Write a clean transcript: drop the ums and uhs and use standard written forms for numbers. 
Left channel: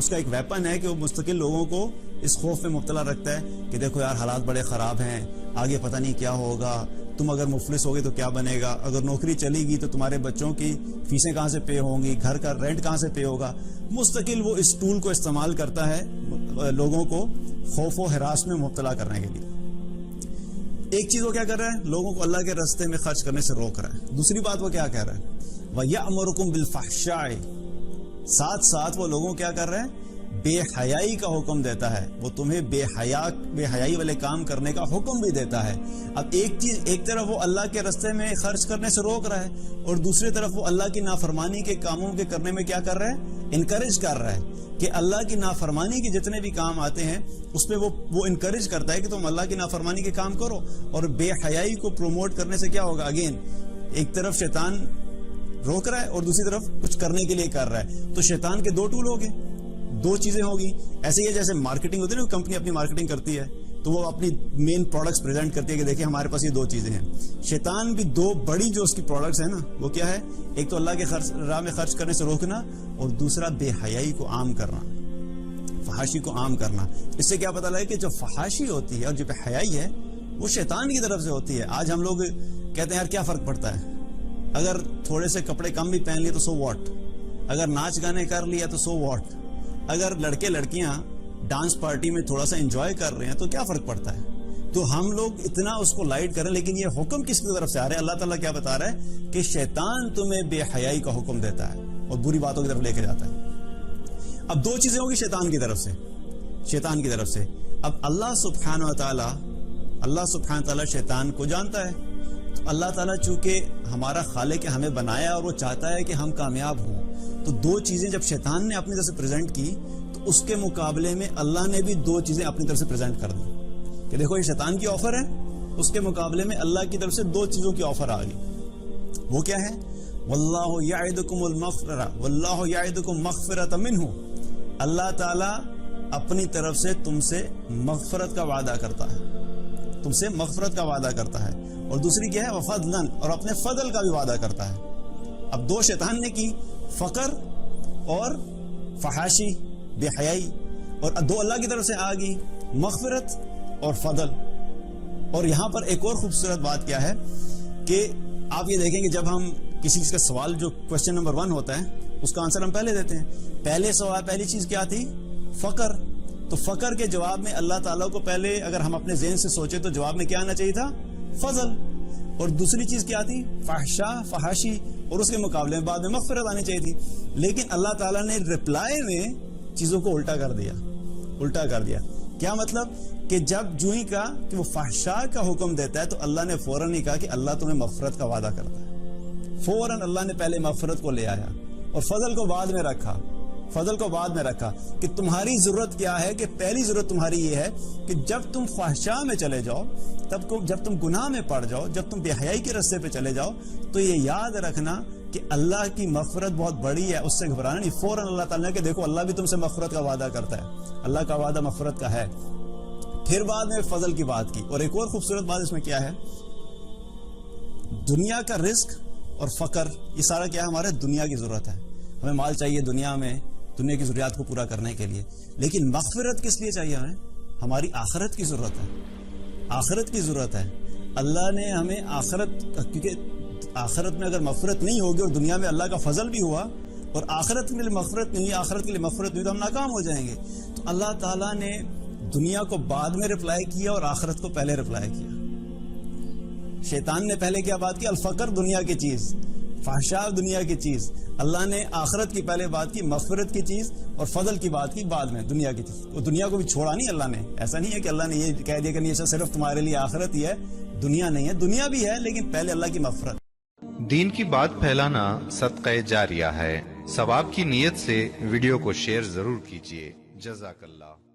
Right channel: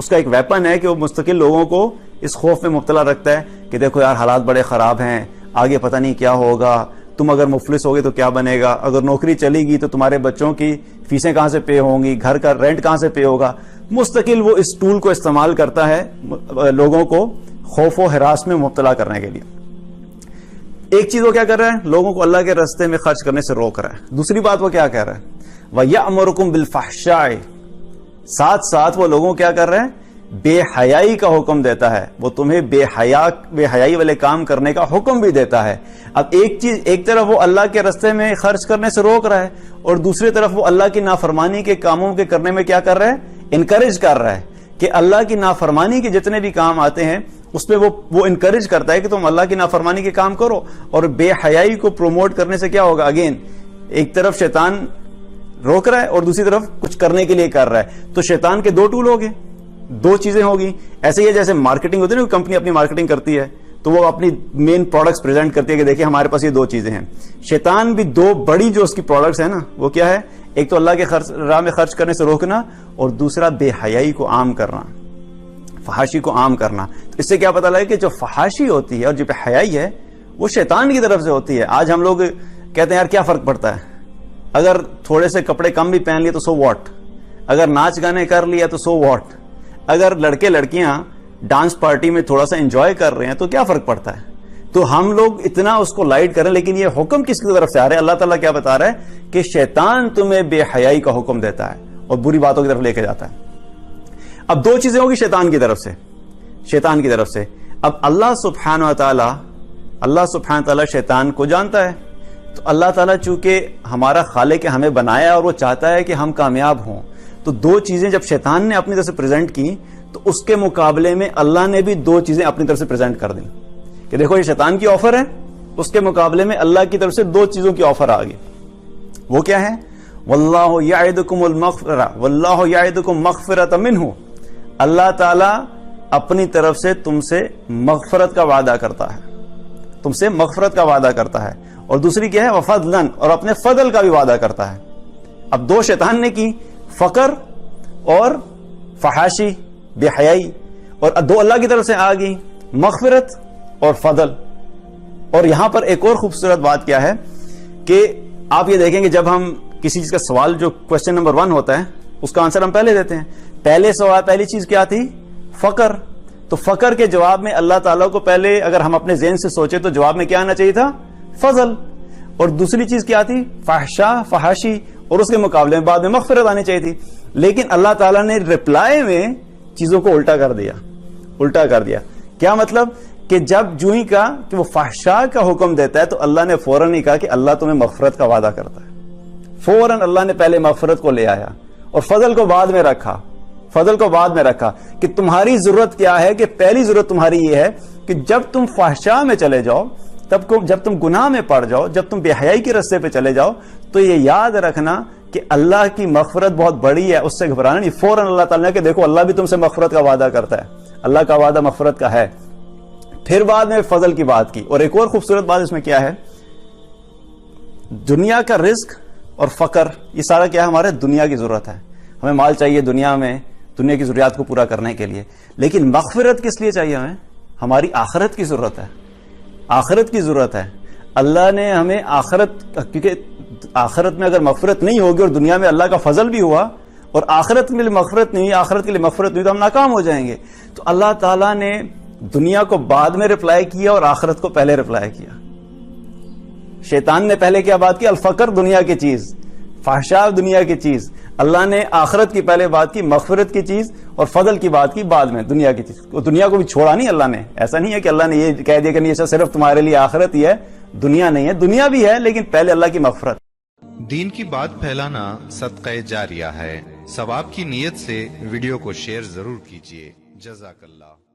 اس کا ایک ویپن ہے کہ وہ مستقل لوگوں کو اس خوف میں مبتلا رکھتا ہے کہ دیکھو یار حالات بڑے خراب ہیں، آگے پتہ نہیں کیا ہوگا، تم اگر مفلس ہوگے تو کیا بنے گا، اگر نوکری چلے گی تو تمہارے بچوں کی فیسیں کہاں سے پے ہوں گی، گھر کا رینٹ کہاں سے پے ہوگا۔ مستقل وہ اس ٹول کو استعمال کرتا ہے لوگوں کو خوف و ہراس میں مبتلا کرنے کے لیے۔ ایک چیز وہ کیا کر رہا ہے، لوگوں کو اللہ کے راستے میں خرچ کرنے سے روک رہا ہے۔ دوسری بات وہ کیا کہہ رہا ہے، وَيَأْمُرُكُمْ بِالْفَحْشَاءِ، ساتھ ساتھ وہ لوگوں کیا کر رہے ہیں، بے حیائی کا حکم دیتا ہے، وہ تمہیں بے حیائی والے کام کرنے کا حکم بھی دیتا ہے۔ اب ایک طرف وہ اللہ کے راستے میں خرچ کرنے سے روک رہا ہے، اور دوسری طرف وہ اللہ کی نافرمانی کے کاموں کے کرنے میں کیا کر رہا ہے، انکریج کر رہا ہے کہ اللہ کی نافرمانی کے جتنے بھی کام آتے ہیں اس پہ وہ انکریج کرتا ہے کہ تم اللہ کی نافرمانی کے کام کرو۔ اور بے حیائی کو پروموٹ کرنے سے کیا ہوگا، اگین ایک طرف شیطان روک رہا ہے اور دوسری طرف کچھ کرنے کے لیے کر رہا ہے، تو شیطان کے دو ٹول ہو گئے، دو چیزیں ہوگی۔ ایسے ہی ہے جیسے مارکیٹنگ ہوتی ہے نا، کمپنی اپنی مارکیٹنگ کرتی ہے تو وہ اپنی مین پروڈکٹس پریزنٹ کرتی ہے کہ دیکھیں ہمارے پاس یہ دو چیزیں ہیں۔ شیطان بھی دو بڑی جو اس کی پروڈکٹس ہیں نا، وہ کیا ہے، ایک تو اللہ کے راہ میں خرچ کرنے سے روکنا، اور دوسرا بے حیائی کو عام کرنا، فحاشی کو عام کرنا۔ تو اس سے کیا پتہ لگے کہ جو فحاشی ہوتی ہے اور جو بے حیائی ہے وہ شیطان کی طرف سے ہوتی ہے۔ آج ہم لوگ کہتے ہیں یار کیا فرق پڑتا ہے، اگر تھوڑے سے کپڑے کم بھی پہن لیے تو سو واٹ، اگر ناچ گانے کر لیا تو سو واٹ، اگر لڑکے لڑکیاں ڈانس پارٹی میں تھوڑا سا انجوائے کر رہے ہیں تو کیا فرق پڑتا ہے۔ تو ہم لوگ اتنا اس کو لائٹ کریں، لیکن یہ حکم کس کی طرف سے آ رہا ہے، اللہ تعالیٰ کیا بتا رہا ہے کہ شیطان تمہیں بے حیائی کا حکم دیتا ہے اور بری باتوں کی طرف لے کے جاتا ہے۔ اب دو چیزیں ہوگی شیطان کی طرف سے۔ اب اللہ سبحانہ و تعالیٰ شیطان کو جانتا ہے، تو اللہ تعالیٰ چونکہ ہمارا خالق ہے، ہمیں بنایا اور وہ چاہتا ہے کہ ہم کامیاب ہوں، تو دو چیزیں جب شیطان نے اپنی طرف سے پریزنٹ کی تو اس کے مقابلے میں اللہ نے بھی دو چیزیں اپنی طرف سے پریزنٹ کر دیں کہ دیکھو یہ شیطان کی آفر ہے، اس کے مقابلے میں اللہ کی طرف سے دو چیزوں کی آفر آ گئی۔ وہ کیا ہے، واللہ یعدکم المغفرہ واللہ یعدکم مغفرۃ منہ، اللہ تعالیٰ اپنی طرف سے تم سے مغفرت کا وعدہ کرتا ہے، اور دوسری کیا ہے، وفضلا، اور اپنے فضل کا بھی وعدہ کرتا ہے۔ اب دو شیطان نے کی، فقر اور فحاشی، بے حیائی، اور دو اللہ کی طرف سے آ گئی، مغفرت اور فضل۔ اور یہاں پر ایک اور خوبصورت بات کیا ہے کہ آپ یہ دیکھیں کہ جب ہم کسی چیز کا سوال، جو کوشچن نمبر 1 ہوتا ہے، اس کا آنسر ہم پہلے دیتے ہیں۔ پہلی چیز کیا تھی، فقر، تو فقر کے جواب میں اللہ تعالیٰ کو پہلے اگر ہم اپنے ذہن سے سوچے تو جواب میں کیا آنا چاہیے تھا، فضل۔ اور دوسری چیز کیا تھی، فحاشی، اور اس کے مقابلے میں بعد میں مغفرت آنی چاہیے تھی۔ لیکن اللہ تعالیٰ نے رپلائی میں چیزوں کو الٹا کر دیا۔ کیا مطلب کہ جب جو ہی کہا کہ وہ فحشاء کا حکم دیتا ہے تو اللہ نے فوراً ہی کہا کہ اللہ تمہیں مغفرت کا وعدہ کرتا ہے۔ فوراً اللہ نے پہلے مغفرت کو لے آیا اور فضل کو بعد میں رکھا کہ تمہاری ضرورت کیا ہے، کہ پہلی ضرورت تمہاری یہ ہے کہ جب تم فحشاء میں چلے جاؤ، جب تم گناہ میں پڑ جاؤ، جب تم بے حیائی کے راستے پہ چلے جاؤ، تو یہ یاد رکھنا کہ اللہ کی مغفرت بہت بڑی ہے، اس سے گھبرانا نہیں۔ فوراً اللہ تعالیٰ نے کہ دیکھو اللہ بھی تم سے مغفرت کا وعدہ کرتا ہے، اللہ کا وعدہ مغفرت کا ہے۔ پھر بعد میں فضل کی بات کی۔ اور ایک اور خوبصورت بات اس میں کیا ہے، دنیا کا رزق اور فقر، یہ سارا کیا ہے، ہمارے دنیا کی ضرورت ہے، ہمیں مال چاہیے دنیا کی ضروریات کو پورا کرنے کے لیے، لیکن مغفرت کس لیے چاہیے ہمیں، ہماری آخرت کی ضرورت ہے۔ اللہ نے ہمیں کیونکہ آخرت میں اگر مغفرت نہیں ہوگی اور دنیا میں اللہ کا فضل بھی ہوا اور آخرت کے لیے مغفرت نہیں تو ہم ناکام ہو جائیں گے۔ تو اللہ تعالیٰ نے دنیا کو بعد میں رپلائی کیا اور آخرت کو پہلے رپلائی کیا۔ شیطان نے پہلے کیا بات کی، الفقر، دنیا کی چیز، فحشاء، دنیا کی چیز۔ اللہ نے آخرت کی پہلے بات کی، مغفرت کی چیز، اور فضل کی بات کی بعد میں، دنیا کی چیز۔ دنیا کو بھی چھوڑا نہیں اللہ نے، ایسا نہیں ہے کہ اللہ نے یہ کہہ دیا کہ نہیں صرف تمہارے لیے آخرت ہی ہے، دنیا نہیں ہے، دنیا بھی ہے لیکن پہلے اللہ کی مغفرت۔ دین کی بات پھیلانا صدقہ جاریہ ہے، ثواب کی نیت سے ویڈیو کو شیئر ضرور کیجیے۔ جزاک اللہ۔